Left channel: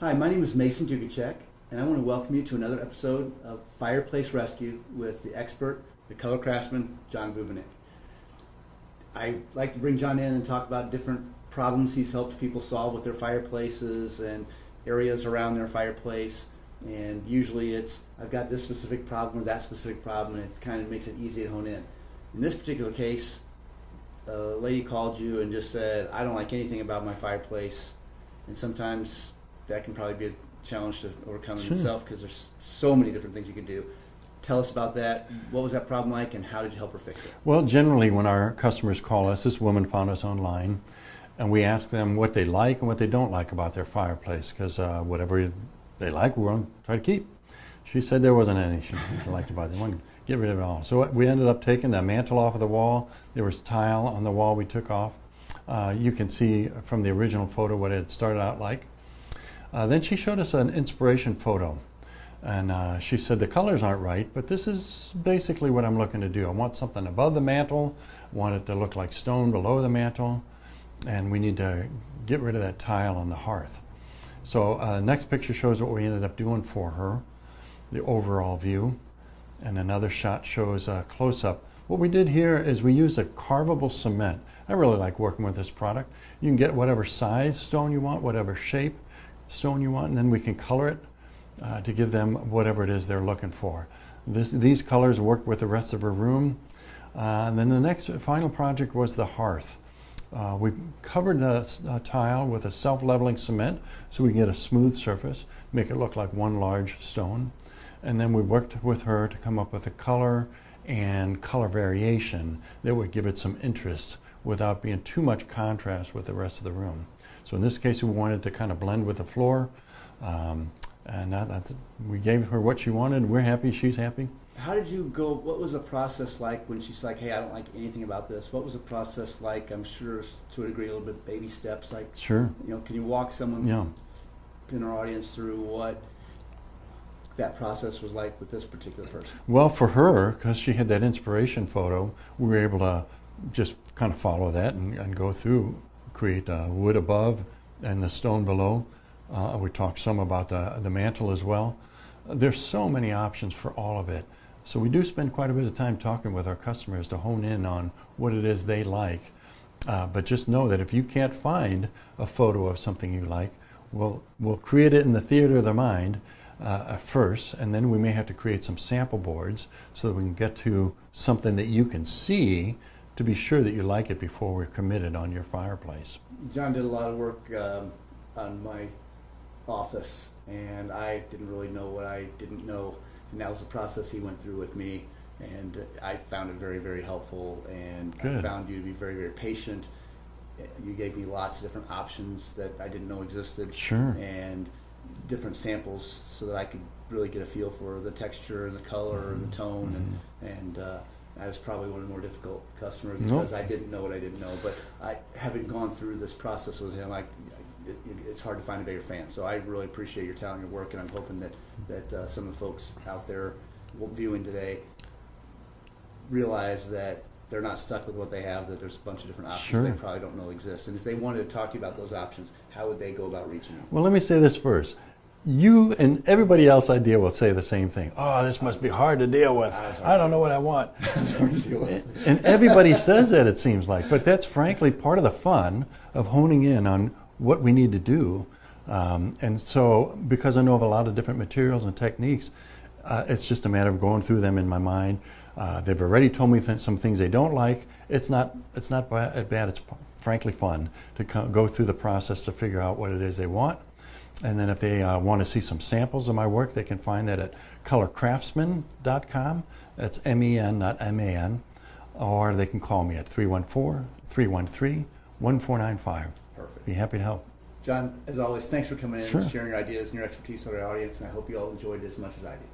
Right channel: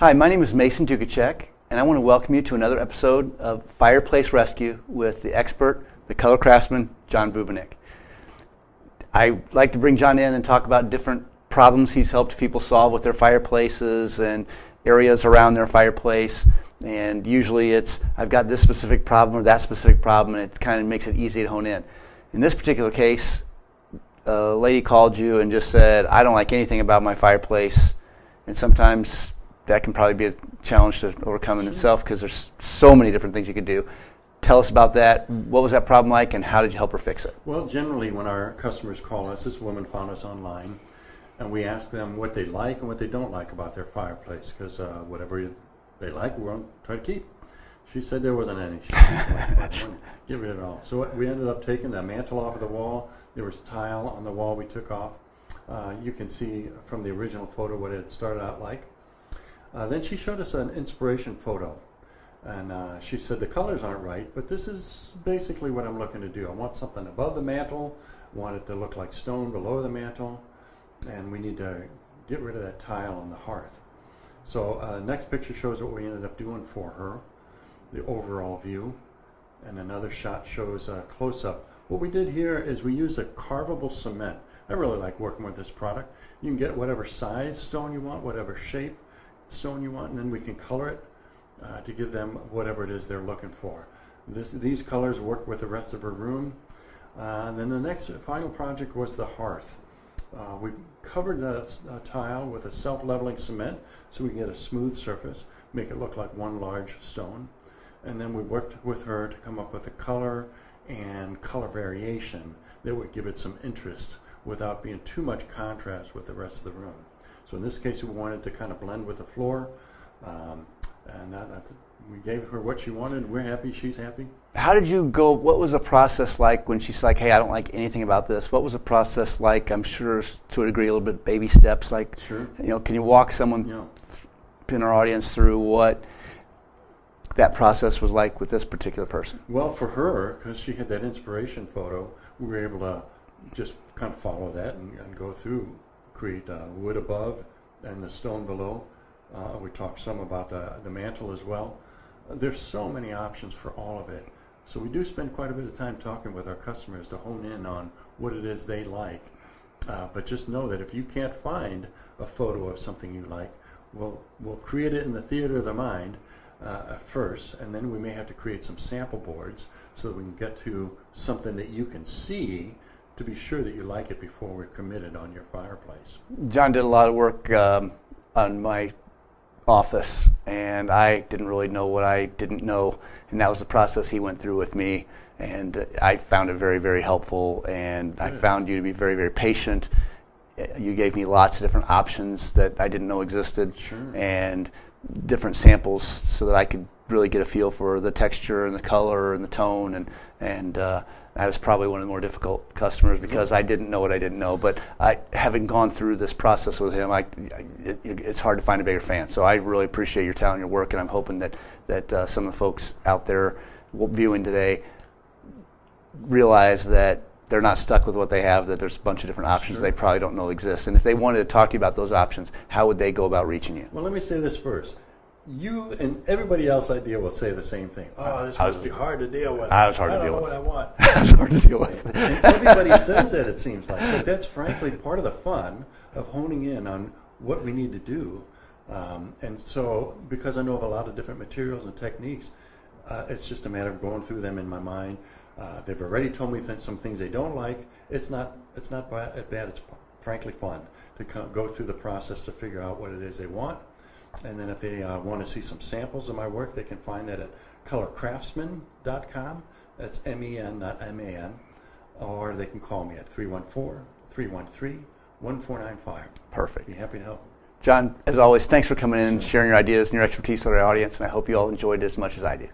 Hi, my name is Mason Dukacek, and I want to welcome you to another episode of Fireplace Rescue with the expert, the color craftsman, John Bubenik. I like to bring John in and talk about different problems he's helped people solve with their fireplaces and areas around their fireplace. And usually it's, I've got this specific problem or that specific problem, and it kind of makes it easy to hone in. In this particular case, a lady called you and just said, I don't like anything about my fireplace. And sometimes that can probably be a challenge to overcome in itself, because there's so many different things you could do. Tell us about that. What was that problem like, and how did you help her fix it? Well, generally when our customers call us, this woman found us online, and we ask them what they like and what they don't like about their fireplace, because whatever they like, we're going to try to keep. She said there wasn't any she didn't like about it. We wanted to get rid of it all. So we ended up taking the mantle off of the wall. There was tile on the wall we took off. You can see from the original photo what it started out like. Then she showed us an inspiration photo, and she said the colors aren't right, but this is basically what I'm looking to do. I want something above the mantle, I want it to look like stone below the mantle, and we need to get rid of that tile on the hearth. So next picture shows what we ended up doing for her, the overall view, and another shot shows a close-up. What we did here is we used a carvable cement. I really like working with this product. You can get whatever size stone you want, whatever shape stone you want, and then we can color it to give them whatever it is they're looking for. These colors work with the rest of her room. And then the next final project was the hearth. We covered the tile with a self-leveling cement so we can get a smooth surface, make it look like one large stone. And then we worked with her to come up with a color and color variation that would give it some interest without being too much contrast with the rest of the room. So in this case, we wanted to kind of blend with the floor, and we gave her what she wanted. We're happy, she's happy. How did you go, what was the process like when she's like, hey, I don't like anything about this? What was the process like? I'm sure to a degree a little bit baby steps, like, sure. You know, can you walk someone in our audience through what that process was like with this particular person? Well, for her, because she had that inspiration photo, we were able to just kind of follow that and go through, create wood above and the stone below. We talked some about the mantle as well. There's so many options for all of it. So we do spend quite a bit of time talking with our customers to hone in on what it is they like. But just know that if you can't find a photo of something you like, we'll create it in the theater of the mind first, and then we may have to create some sample boards so that we can get to something that you can see to be sure that you like it before we're committed on your fireplace. John did a lot of work on my office, and I didn't really know what I didn't know, and that was the process he went through with me, and I found it very, very helpful, and good. I found you to be very, very patient. You gave me lots of different options that I didn't know existed, sure. And different samples so that I could really get a feel for the texture and the color and the tone, and I was probably one of the more difficult customers because I didn't know what I didn't know. But having gone through this process with him, it's hard to find a bigger fan. So I really appreciate your talent, your work, and I'm hoping that some of the folks out there viewing today realize that they're not stuck with what they have, that there's a bunch of different options they probably don't know exist. And if they wanted to talk to you about those options, how would they go about reaching you? Well, let me say this first. You and everybody else I deal with say the same thing. Oh, this must be hard to deal with. I don't know what I want. It's hard to deal with. And everybody says that, it seems like. But that's frankly part of the fun of honing in on what we need to do. And so, because I know of a lot of different materials and techniques, it's just a matter of going through them in my mind. They've already told me some things they don't like. It's not bad. It's frankly fun to go through the process to figure out what it is they want. And then if they want to see some samples of my work, they can find that at colorcraftsmen.com. That's M-E-N, not M-A-N. Or they can call me at 314-313-1495. Perfect. Be happy to help. John, as always, thanks for coming in and sharing your ideas and your expertise with our audience, and I hope you all enjoyed it as much as I do.